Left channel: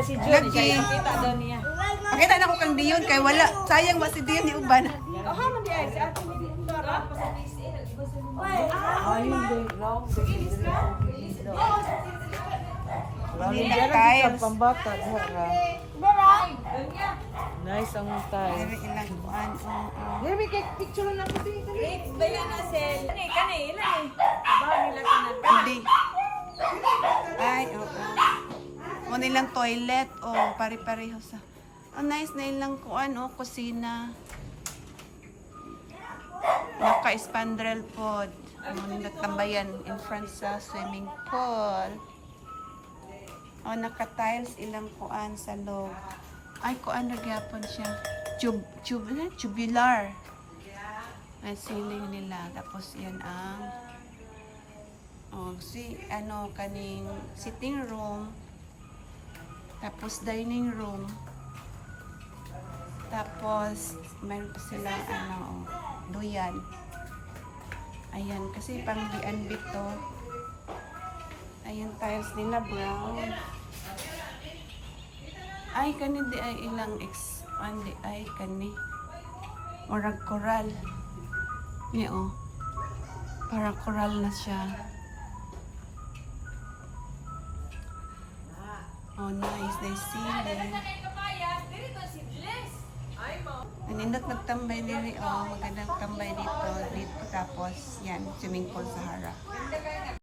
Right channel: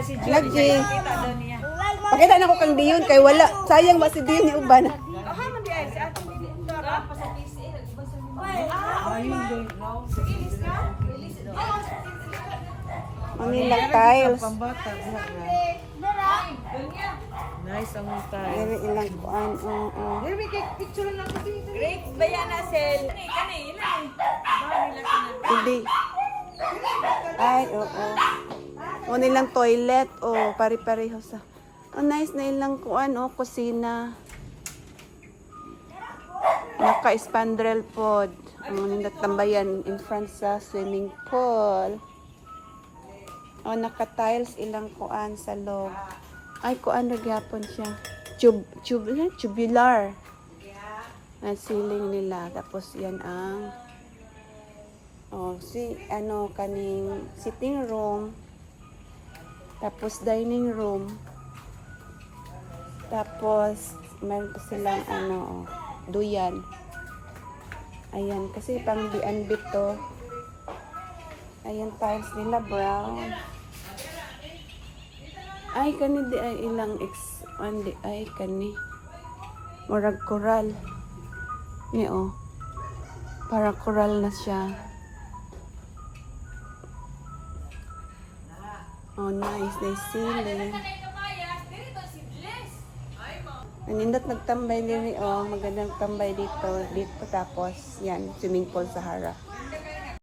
siya si George. Lagi. Kita daw niya. Pakita na ko kang Dion kay wala. Sayang ba si Dion yung uban? Aha, man di ay si Ate Dora pa sa PCL. Ayun din. Hindi na tiles. Pambata. Nice ang style. Pero ilang kuan. Maybe kay picture na ko din. Great bayana sel. Kani, ilan eh. Ba nila kanal. Hindi. Ay, oo. O nilang toilet. O, pare-pareho sa... Oh, nice na ilang kuan. O, kusina. Naka-spandrel pod. Nagtambayan in front sa swimming pool. O, naka-tiles ilang kuan sa loob. Ay, kuan nagyapon siya. Tubular. Ang ceiling nila. Tapos yan ang kaning sitting room. Tapos dining room. Tapos meron pa silang duyan. Ayan, kasi pang B&B to. Ayan, tiles nila brown. Ay, kani di ay ilang ay kani. Murag coral. Ni parang coral na siya. Oh, nice. Nice ceiling. Nindot nagtambay din magandang tambay dito tapos yan, swimming pool sa harap.